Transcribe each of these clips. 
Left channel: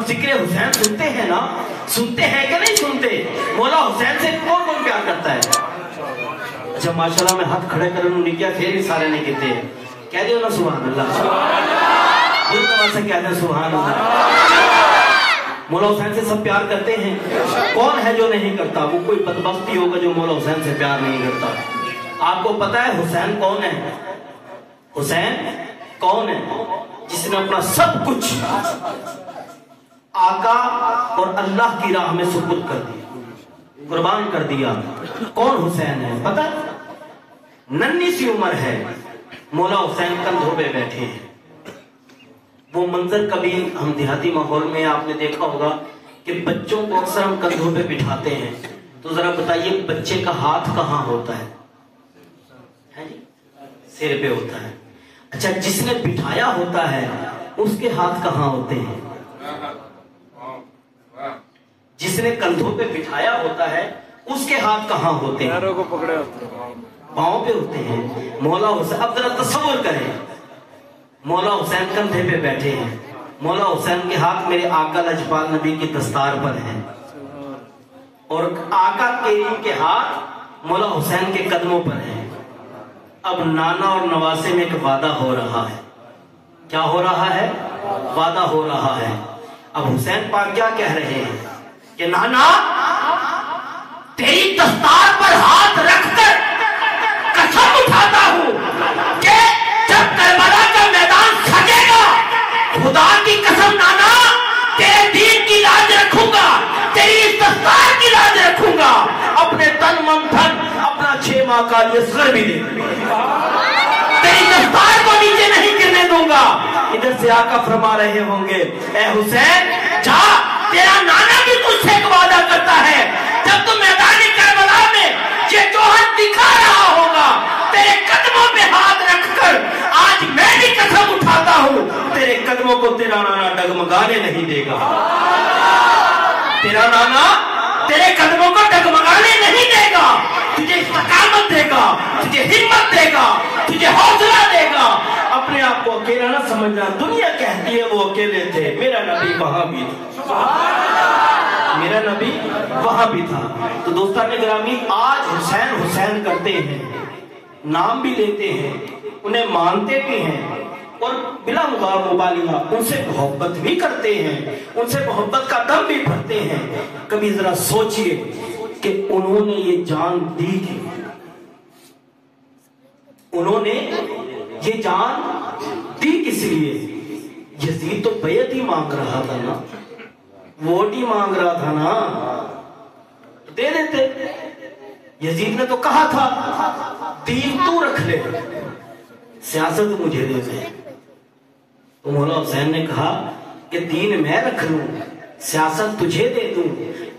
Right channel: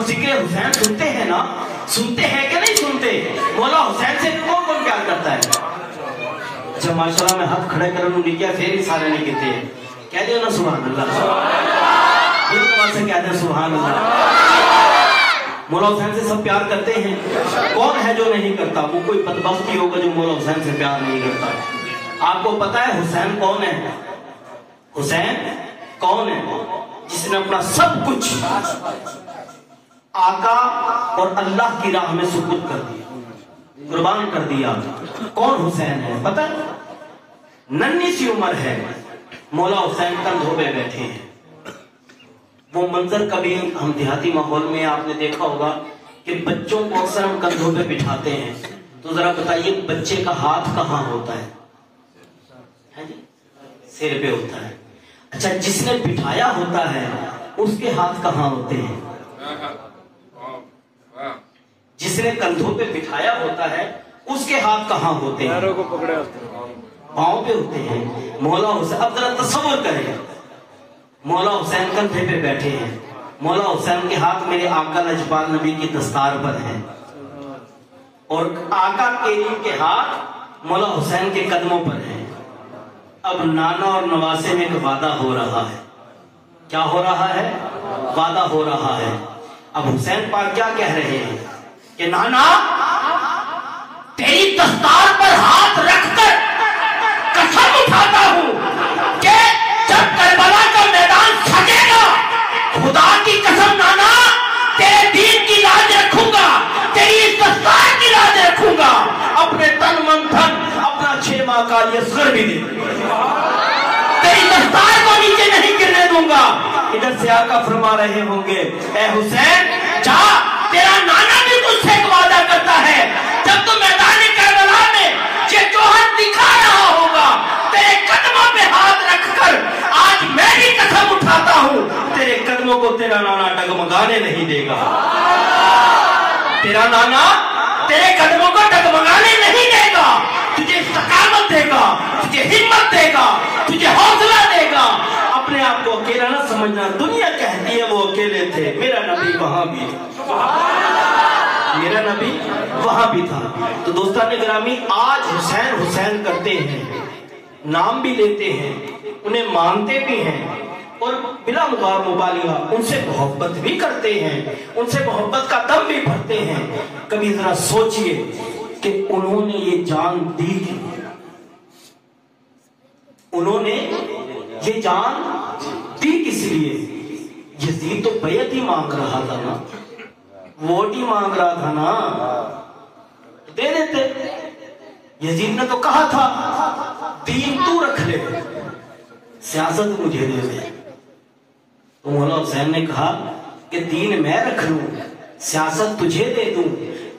हम जिक्र हुसैन सुनते हैं ना, सुनते हैं कि नहीं सुनते? मौला हुसैन से कौन कौन प्यार करता है? अच्छा माशाल्लाह में हाथ खड़े कर उन्होंने किया, फिर भी सारे नहीं कहते हैं। कह दो ना सुभान अल्लाह, से कह दे सुभान अल्लाह। मौला हुसैन से सब प्यार करते हैं। कौन है जो नहीं करता? वो कोई बदबख्त ही होगा जो मौला हुसैन से प्यार नहीं करता। आपको पता है हुसैन कौन है? हुसैन कौन है? जिसने अपना सब कुछ आका और अल्लाह की राह में सुपुर्द कर दिया, कुर्बान कर दिया। कौन हुसैन है पता है? नन्ही सी उम्र है, मौला हुसैन कंधों पे बैठे हैं। वो मंजर कभी हम देहाती माहौल में आपने देखा होगा कि बच्चों को अक्सर हम कंधों पे बिठाते हैं, तो जरा बताइए बच्चे का हाथ कहाँ होता है जी? सिर पे होता है। अच्छा जिसने बिठाया होता है उसके हाथ कहाँ होते हैं? जिसने कंधों पे बिठाया होता है उसके हाथ कहाँ होते हैं? पैरों को पकड़े पाँव पे होते हैं। मौला हुसैन, अब जरा तसव्वुर करें, मौला हुसैन कंधे पे बैठे हैं, मौला हुसैन के हाथ मेरे आका लजपाल नबी की दस्तार पर है, और आका करीम के हाथ मौला हुसैन के कदमों पर है। अब नाना और नवासे में एक वादा हो रहा है। क्या हो रहा है? वादा हो रहा है। अब हुसैन पाक क्या कह रहे हैं कि नाना तेरी दस्तार पर हाथ रखकर कसम उठाता हूं कि जब करबला का मैदान सजेगा, खुदा की कसम नाना तेरे दीन की लाज रखूंगा, तेरी इस दस्तार की लाज रखूंगा, अपने तन मन धन अपना 6 माह का यसर भी दे तेरी दस्तार को नीचे नहीं गिरने दूंगा। इधर से आका फरमा रहे होंगे ए हुसैन जा, तेरा नाना भी तुझसे एक वादा करता है, जब तू मैदान करबला में ये जोहर दिखा रहा होगा, तेरे कदमों पे हाथ रखकर आज मैं भी कसम उठाता हूं तेरे कदमों को तेरा नाना डगमगाने नहीं देगा। तेरा नाना तेरे कदमों को डगमगाने नहीं देगा, तुझे इस्तकामत देगा, तुझे हिम्मत देगा, तुझे हौसला देगा। अपने आप को अकेला ना समझना, दुनिया कहती है वो अकेले थे, मेरा नबी वहां भी था, मेरा नबी वहां भी था। तो दोस्तान गिरामी, आज हुसैन हुसैन करते हैं, नाम भी लेते हैं, उन्हें मानते भी हैं, और बिना मुबालिगा उनसे मोहब्बत भी करते हैं, उनसे मोहब्बत का दम भी भरते हैं। कभी जरा सोचिए कि उन्होंने ये जान दी कि उन्होंने ये जान दी किस लिए? यजीद तो बैत ही मांग रहा था ना, वोट ही मांग रहा था ना, तो दे देते। यजीद ने तो कहा था दीन तू रख ले, सियासत मुझे दे दे। तो मौला हुसैन ने कहा कि दीन मैं रख लूं, सियासत तुझे दे दूं,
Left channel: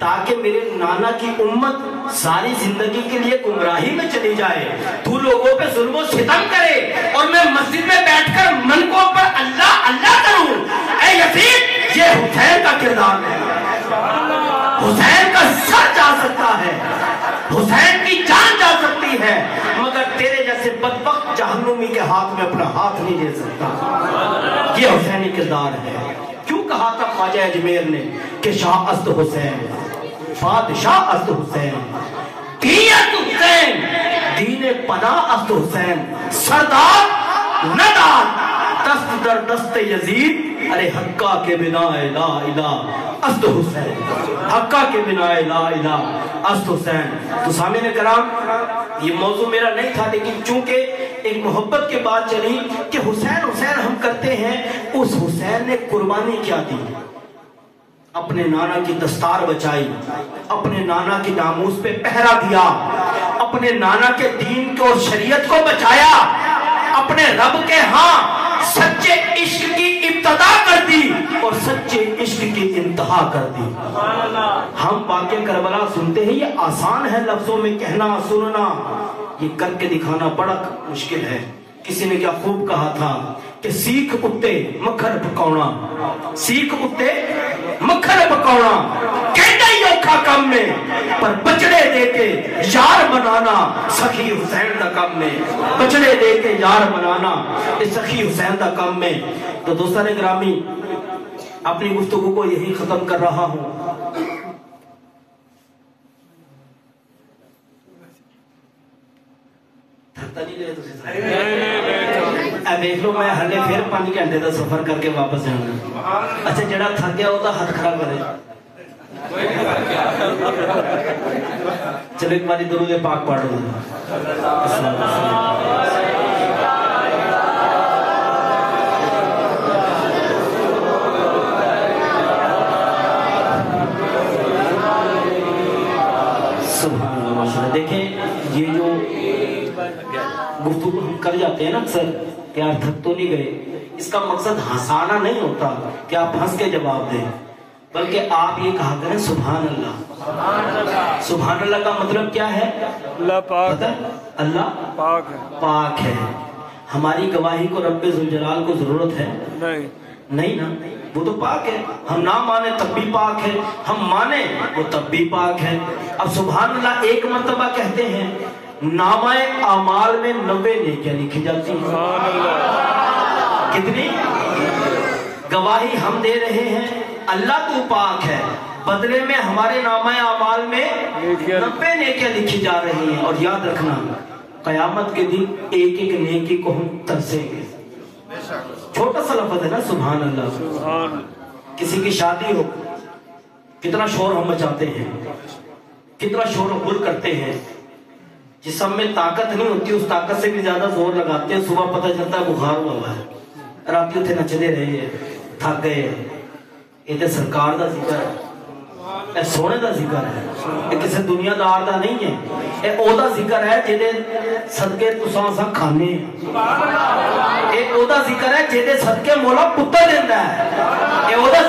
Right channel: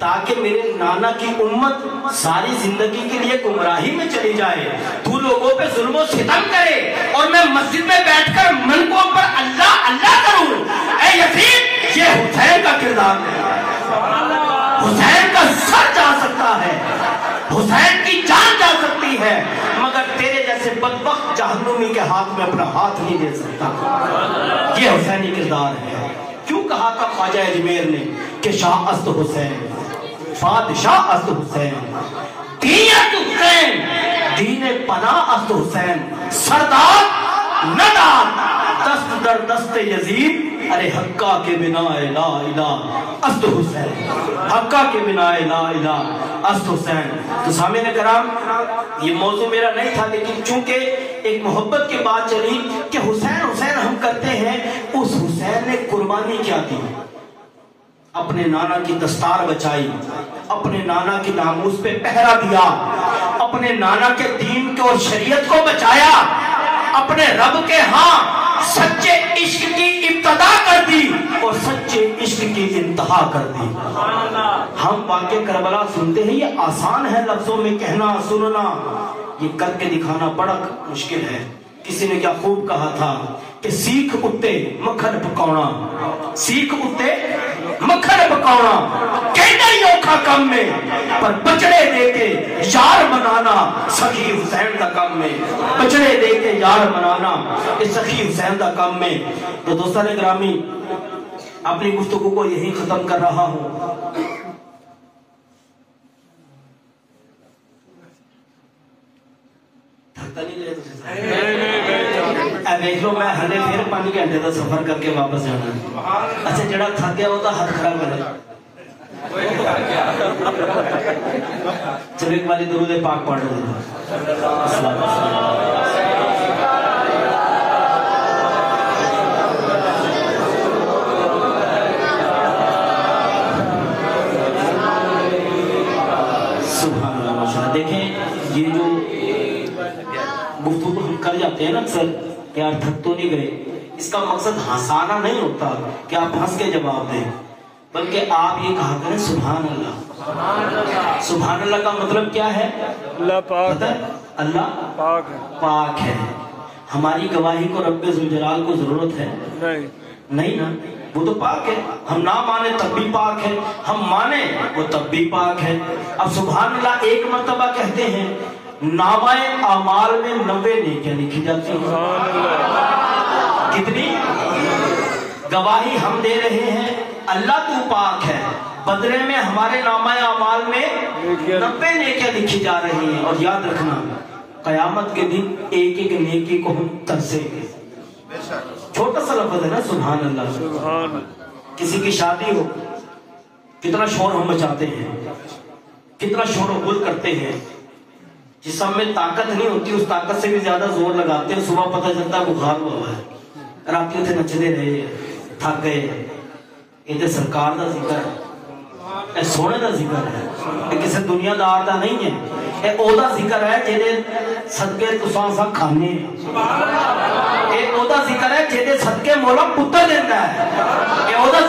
ताकि मेरे नाना की उम्मत सारी जिंदगी के लिए गुमराही में चली जाए, तू लोगों पे जुल्म सितम करे और मैं मस्जिद में बैठकर मन को पर अल्लाह अल्लाह करूं। ऐ यजीद, ये हुसैन का किरदार है। हुसैन का सर जा सकता है, हुसैन की जान जा सकती है, मगर तेरे जैसे बदबख्त जहन्नुमी के हाथ में अपना हाथ नहीं दे सकता। ये हुसैनी किरदार है। क्यों कहा था ख्वाजा अजमेर ने कि शाह अस्त हुसैन, बादशाह अस्त हुसैन, दीयत हुसैन, दीने पना अस्त हुसैन, सरदार नदार, दस्त दर दस्त यजीद, अरे हक्का के बिना ला इला अस्त हुसैन, हक्का के बिना ला इला अस्त हुसैन। तो सामने कराम, ये मौजू मेरा नहीं था, लेकिन चूंकि एक मोहब्बत की बात चली कि हुसैन हुसैन हम करते हैं, उस हुसैन ने कुर्बानी क्या दी? अपने नाना की दस्तार बचाई, अपने नाना की नामूस पे पहरा दिया, अपने नाना के दीन को और शरीयत को बचाया, अपने रब के हाँ सच्चे इश्क की इब्तदा कर दी और सच्चे इश्क की इंतहा कर दी। हम वाक़या करबला सुनते हैं, ये आसान है लफ्जों में कहना सुनना, ये करके दिखाना बड़ा मुश्किल है। किसी ने क्या खूब कहा था कि सीख उत्ते मक्खन पकाउणा, सीख उत्ते मक्खन पकाउणा कहना ही औखा कम में, पर बचड़े देके यार बनाना सखी हुसैन दा कम में, बचड़े देके यार बनाना ये सखी हुसैन दा कम में। तो दोस्तों ने ग्रामी, अपनी गुफ्तगू को यही खत्म कर रहा हूं। थकता नहीं रहे देख लो, मैं हले फिर 5 घंटे का सफर करके वापस जाना। अच्छा जड़ा थक गया वो हाथ खड़ा करे। चलो एक बार दुरूद पाक पढ़ लो। सुभान अल्लाह माशाअल्लाह। देखें ये जो गुफ्तगू हम कर जाते हैं ना अक्सर कि आप थक तो नहीं गए, इसका मकसद हंसाना नहीं होता कि आप हंस के जवाब दें, बल्कि आप ये कहा करें सुभान अल्लाह। सुभान अल्लाह का मतलब क्या है? अल्लाह पाक है, अल्लाह पाक है, पाक है। हमारी गवाही को रब्बे जुल जलाल को जरूरत है? नहीं ना, वो तो पाक है। हम ना माने तब भी पाक है, हम माने वो तब भी पाक है। अब सुभान अल्लाह एक मर्तबा कहते हैं, नामाए अमाल में 90 नेकियां लिखी जाती हैं। कितनी गवाही हम दे रहे हैं अल्लाह तू पाक है, बदले में हमारे नामाए अमाल में 90 नेकियां लिखी जा रही हैं। और याद रखना कयामत के दिन एक एक नेकी को हम तरसेंगे। छोटा सा लफ्ज़ है ना सुभान अल्लाह। किसी की शादी हो, कितना शोर हम मचाते हैं, कितना शोर गुल करते हैं। जिस सब में ताकत नहीं होती उस ताकत से भी ज्यादा जोर लगाते हैं। सुबह पता चलता है बुखार हुआ है, रात उथे नचते रहे, थक गए। ये सरकार का जिक्र है, सोने का जिक्र है, किसी दुनियादार का नहीं है। ये ओदा जिक्र है जेदे सदके तुसां असां खाने। ये ओदा जिक्र है जेदे सदके मौला पुत्र देंदा है। ये ओदा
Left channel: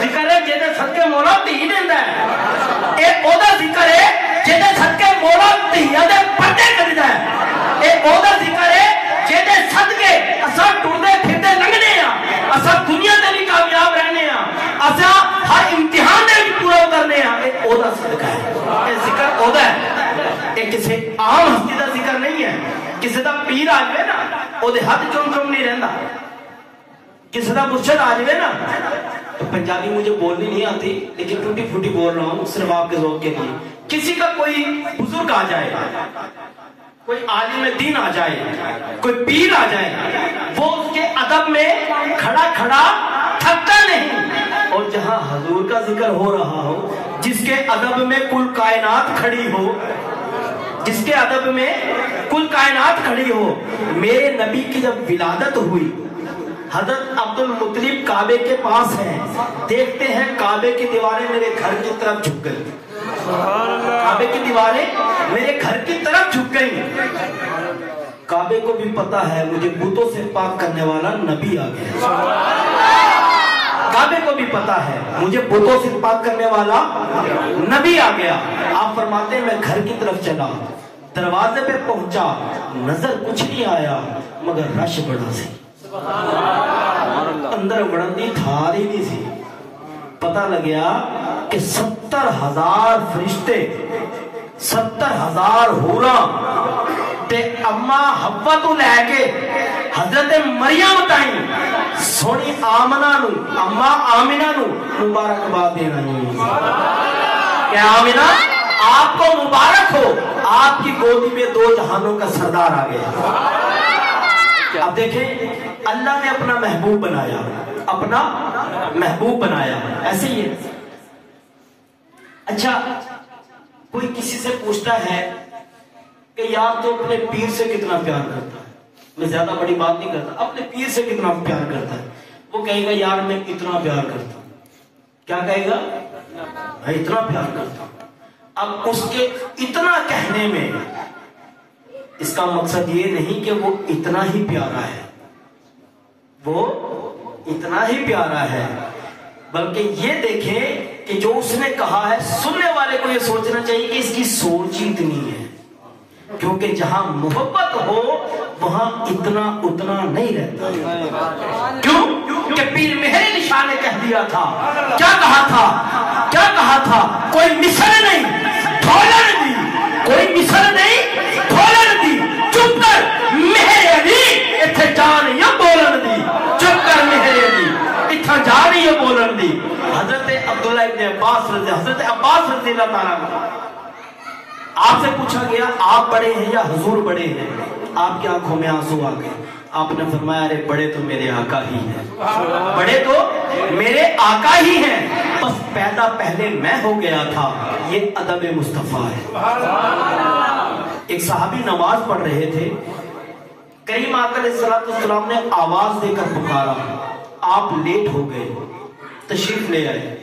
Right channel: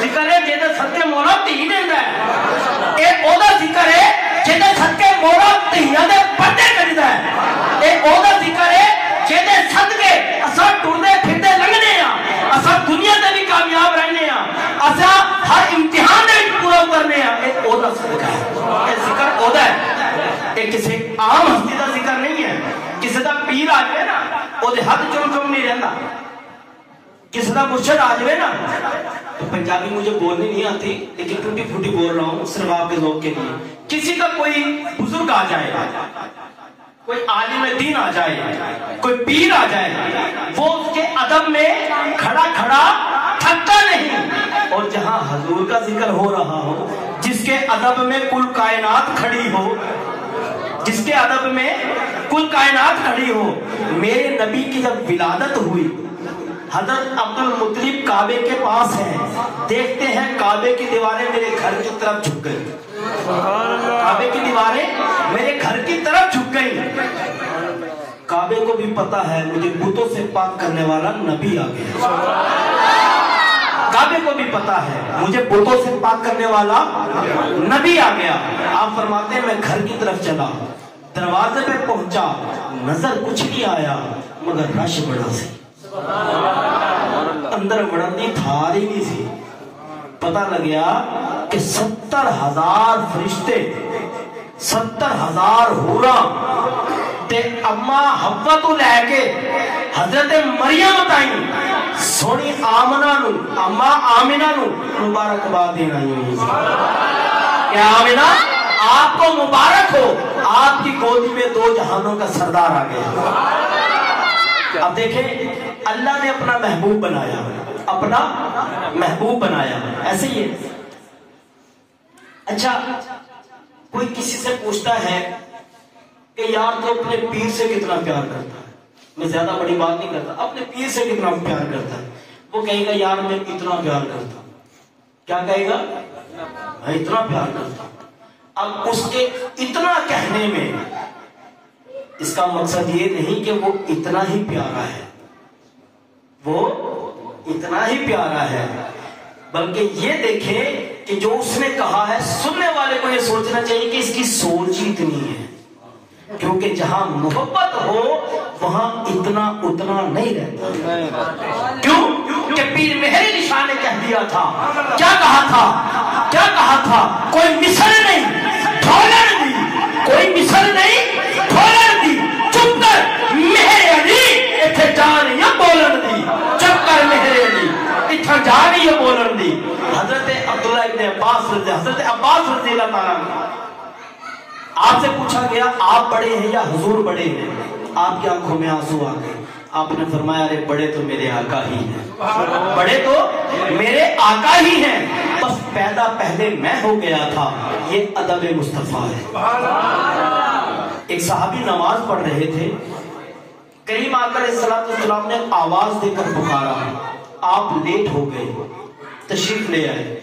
जिक्र है जेदे सदके मौला धी देंदा है। ये ओदा जिक्र है जेदे सदके मौला धीयां दे पर्दे करदा है। ये ओदा जिक्र है जेदे सदके असां टुरदे फिरदे लंघने आ, असां दुनिया ते भी कामयाब रहने आ, असां हर इम्तिहान दे पूरा करने आ। ये ओदा सदका है, ये जिक्र ओदा है। ये किसी आम हस्ती का जिक्र नहीं है। किसी का पीर आ जाए ना ओदे हाथ चुम चुम नहीं रहता, किसी का मुर्शद आ जाए ना। तो पंजाबी मुझे बोलनी नहीं आती लेकिन टूटी फूटी बोल रहा हूँ सिर्फ आपके ज़ौक़ के लिए। किसी का कोई बुजुर्ग आ जाए, कोई आलिम दीन आ जाए, कोई पीर आ जाए, वो उसके अदब में खड़ा खड़ा थकता नहीं। और जहां हजूर का जिक्र हो रहा हो, जिसके अदब में कुल कायनात खड़ी हो, जिसके अदब में कुल कायनात खड़ी हो। मेरे नबी की जब विलादत हुई, हजरत अब्दुल मुत्तलिब काबे के पास है, देखते हैं काबे की दीवारें मेरे घर की तरफ झुक गई। काबे की दीवारें मेरे घर की तरफ झुक गई। काबे को भी पता है मुझे बुतों से पाक करने वाला नबी आ गया। काबे को भी पता है मुझे बुतों से पाक करने वाला नबी आ गया। आप फरमाते हैं मैं घर की तरफ चला, दरवाजे पे पहुंचा, नजर कुछ नहीं आया मगर रश बड़ा सी, अंदर बढ़न दी थार ही नहीं सी। पता लग गया कि 70,000 फरिश्ते, 70,000 हूरा ते अम्मा हव्वा तो लैके हजरत मरियम ताई सोनी आमना नू, अम्मा आमिना नू मुबारकबाद देना क्या आमिना आपको मुबारक हो, आपकी गोदी में 2 जहानों का सरदार आ गया। अब देखें अल्लाह ने अपना महबूब बनाया, अपना महबूब बनाया। ऐसे ही है। अच्छा कोई किसी से पूछता है कि यार तो अपने पीर से कितना प्यार करता है, मैं ज्यादा बड़ी बात नहीं करता, अपने पीर से कितना प्यार करता है, वो कहेगा यार मैं इतना प्यार करता हूं। क्या कहेगा? मैं इतना प्यार करता हूं। अब उसके इतना कहने में इसका मकसद ये नहीं कि वो इतना ही प्यारा है, वो इतना ही प्यारा है, बल्कि ये देखें कि जो उसने कहा है सुनने वाले को ये सोचना चाहिए कि इसकी सोच ही इतनी है। क्योंकि जहां मोहब्बत हो वहां इतना उतना नहीं रहता। क्यों? कि पीर मेहर निशान ने कह दिया था, क्या कहा था, क्या कहा था? कोई मिसल नहीं ढोलन दी, कोई मिसल नहीं ढोलन दी, चुप कर मेहर अली इथे जान या बोलन दी, चुप कर मेहर अली इथा جا رہی ہے بولن دی حضرت عبداللہ ابن عباس حضرت عباس رضی اللہ تعالیٰ عنہ آپ سے پوچھا گیا آپ بڑے ہیں یا حضور بڑے ہیں؟ آپ کی آنکھوں میں آنسو آ گئے. آپ نے فرمایا ارے بڑے تو میرے آقا ہی ہیں, بڑے تو میرے آقا ہی ہیں, بس پیدا پہلے میں ہو گیا تھا. یہ ادب مصطفیٰ ہے. ایک صحابی نماز پڑھ رہے تھے, کریم آقا علیہ السلام نے آواز دے کر پکارا, آپ لیٹ ہو گئے, تشریف لے آئے.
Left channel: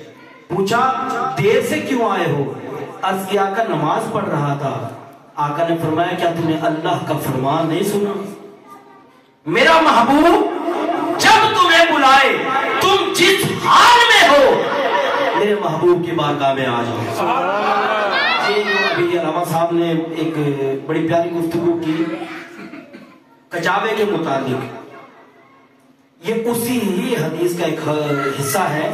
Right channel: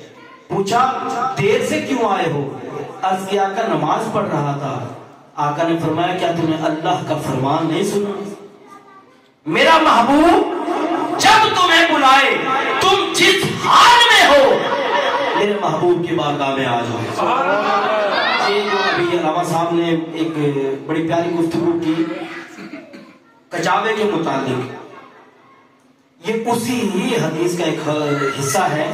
پوچھا دیر سے کیوں آئے ہو؟ عرض کیا آقا نماز پڑھ رہا تھا. آقا نے فرمایا کیا تم نے اللہ کا فرمان نہیں سنا؟ میرا محبوب جب تمہیں بلائے تم جس حال میں ہو میرے محبوب کی بارگاہ میں آ جاؤ. یہ جو ابھی علامہ صاحب نے ایک بڑی پیاری گفتگو کی کچاوے کے متعلق, یہ اسی ہی حدیث کا ایک حصہ ہے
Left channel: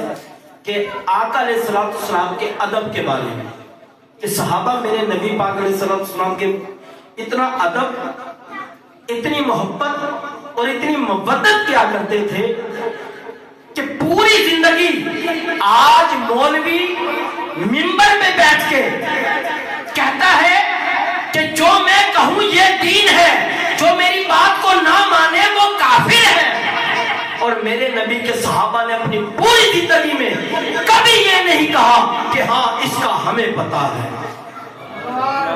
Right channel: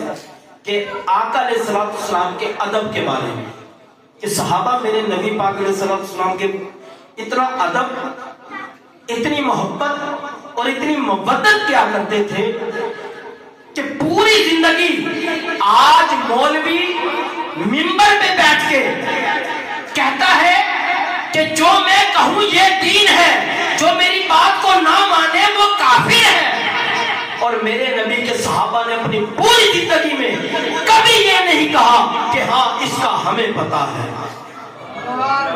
کہ آقا علیہ السلام کے ادب کے بارے میں, کہ صحابہ میرے نبی پاک علیہ السلام کے اتنا ادب, اتنی محبت اور اتنی مودت کیا کرتے تھے کہ پوری زندگی آج مولوی منبر پہ بیٹھ کے کہتا ہے کہ جو میں کہوں یہ دین ہے, جو میری بات کو نہ مانے وہ کافر ہے. اور میرے نبی کے صحابہ نے اپنی پوری زندگی میں کبھی یہ نہیں کہا کہ ہاں اس کا ہمیں پتا ہے.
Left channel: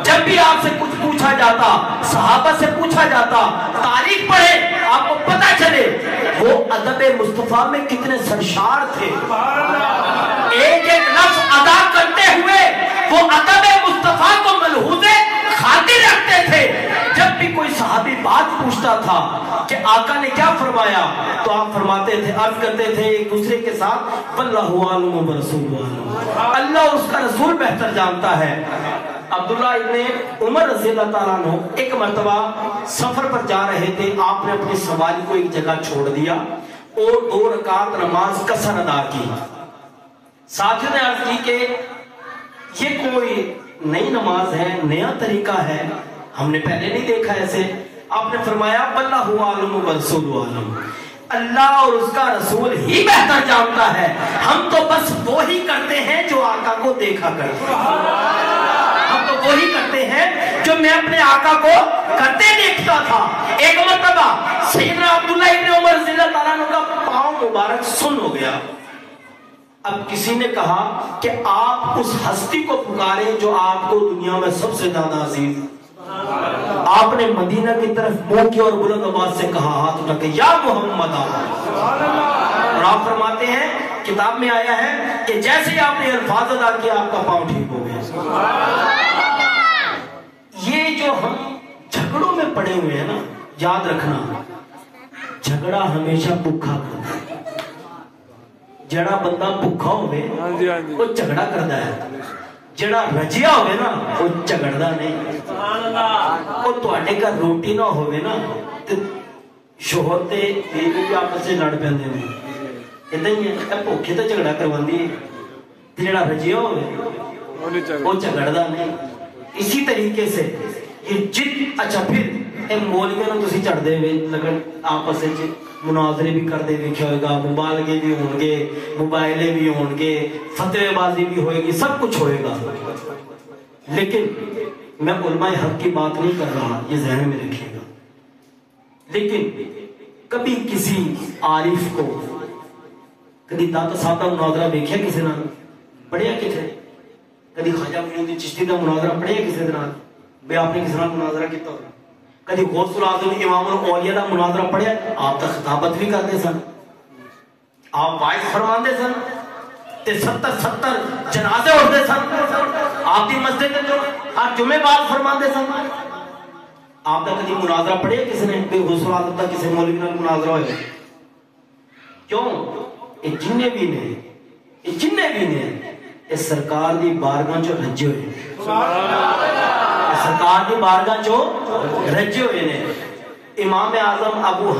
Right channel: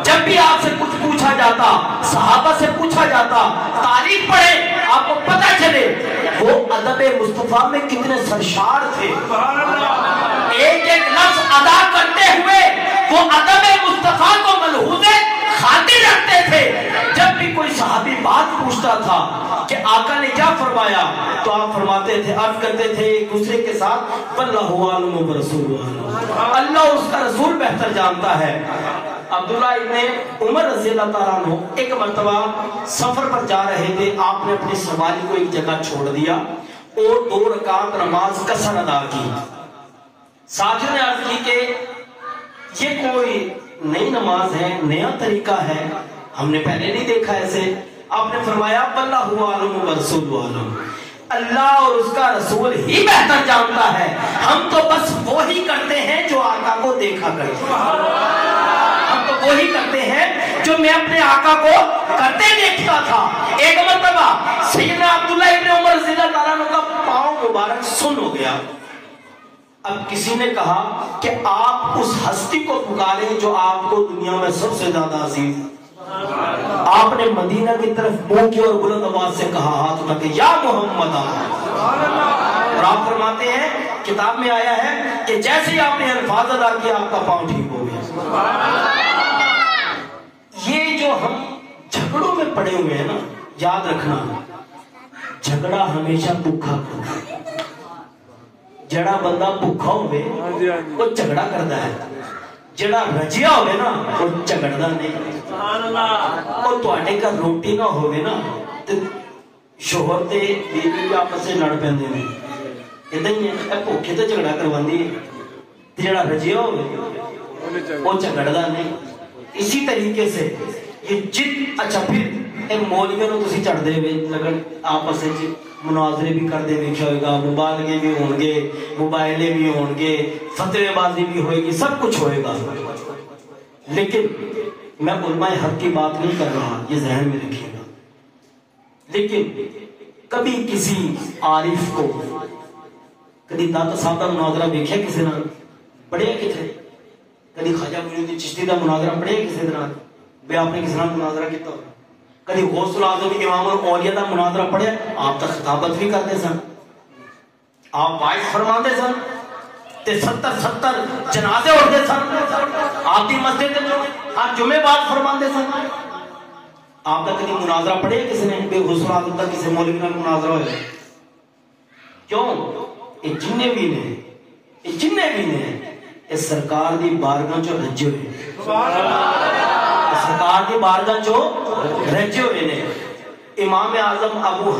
جب بھی آپ سے کچھ پوچھا جاتا, صحابہ سے پوچھا جاتا, تاریخ پڑھے آپ کو پتا چلے وہ ادب مصطفیٰ میں کتنے سرشار تھے. ایک ایک لفظ ادا کرتے ہوئے وہ ادب مصطفیٰ کو ملحوظ خاطر رکھتے تھے. جب بھی کوئی صحابی بات پوچھتا تھا کہ آقا نے کیا فرمایا تو آپ فرماتے تھے, عرض کرتے تھے ایک دوسرے کے ساتھ واللہ عالم ورسول عالم, اللہ اور اس کا رسول بہتر جانتا ہے. عبداللہ ابن عمر رضی اللہ تعالیٰ عنہ ایک مرتبہ سفر پر جا رہے تھے, آپ نے اپنی سواری کو ایک جگہ چھوڑ دیا اور 2 رکعت نماز قصر ادا کی. ساتھیوں نے عرض کی کہ یہ کوئی نئی نماز ہے, نیا طریقہ ہے, ہم نے پہلے نہیں دیکھا ایسے. آپ نے فرمایا واللہ عالم ورسول عالم, اللہ اور اس کا رسول ہی بہتر جانتا ہے, ہم تو بس وہی کرتے ہیں جو آقا کو دیکھا کرتے ہیں, ہم تو وہی کرتے ہیں جو میں اپنے آقا کو کرتے دیکھتا تھا. ایک مرتبہ سیدنا عبداللہ ابن عمر رضی اللہ تعالیٰ عنہ کا پاؤں مبارک سن ہو گیا. اب کسی نے کہا کہ آپ اس ہستی کو پکاریں جو آپ کو دنیا میں سب سے زیادہ عزیز. آپ نے مدینہ کی طرف منہ کی اور بلند آواز سے کہا, ہاتھ اٹھا کے یا محمد. اور آپ فرماتے ہیں کتاب میں آیا ہے کہ جیسے ہی آپ نے الفاظ ادا کیا آپ کا پاؤں ٹھیک ہو گیا. یہ جو ہم جھگڑوں میں پڑے ہوئے ہیں نا, یاد رکھنا جھگڑا ہمیشہ بھوکا کرتا ہے. جڑا بندہ بھوکا ہوئے وہ جھگڑا کرتا ہے, جڑا رجیا ہوئے نا وہ جھگڑدا نہیں. اور تواڈے گھر روٹی نہ ہوئے نا تے شوہر تے بیوی آپس میں لڑ پیندے نے, ادھر ہی ہے بھوکے تے جھگڑا کرواندی ہے, تے جڑا رجیا ہوئے وہ جھگڑدا نہیں. اسی طریقے سے یہ جد اچھا پھر مولویوں نوں تسی چڑھ دے لگن آپس وچ مناظرے بھی کر دے دیکھا ہوئے گا, مبالغے بھی ہوں گے, موبائلے بھی ہوں گے, فتوے بازی بھی ہوئے گی, سب کچھ ہوئے گا. لیکن میں علماء حق کی بات نہیں کر رہا, یہ ذہن میں رکھیے گا. لیکن کبھی کسی عارف کو کبھی داتا صاحب کا مناظرہ دیکھا کسی نے پڑھیا کتنے, کبھی خواجہ معین الدین چشتی کا مناظرہ پڑھیا کسی نے بے آپ نے کسی نے مناظرہ کیتا ہو, کبھی غوث العظم امام الاولیاء کا مناظرہ پڑھیا, آپ تو خطابت بھی کرتے سن, آپ وائس فرماندے سن تے 70 جنازے اٹھتے سن آپ کی مسجد میں, آپ جمعے بعد فرماندے سن. آپ کا کبھی مناظرہ پڑھیا کسی نے بے غوث العظم کا کسی مولوی کا مناظرہ ہوئے؟ کیوں یہ جننے بھی نے یہ سرکار دی بارگاہ چو رجے ہوئے, سرکار دی بارگاہ چو رجے ہوئے نے. امام اعظم ابو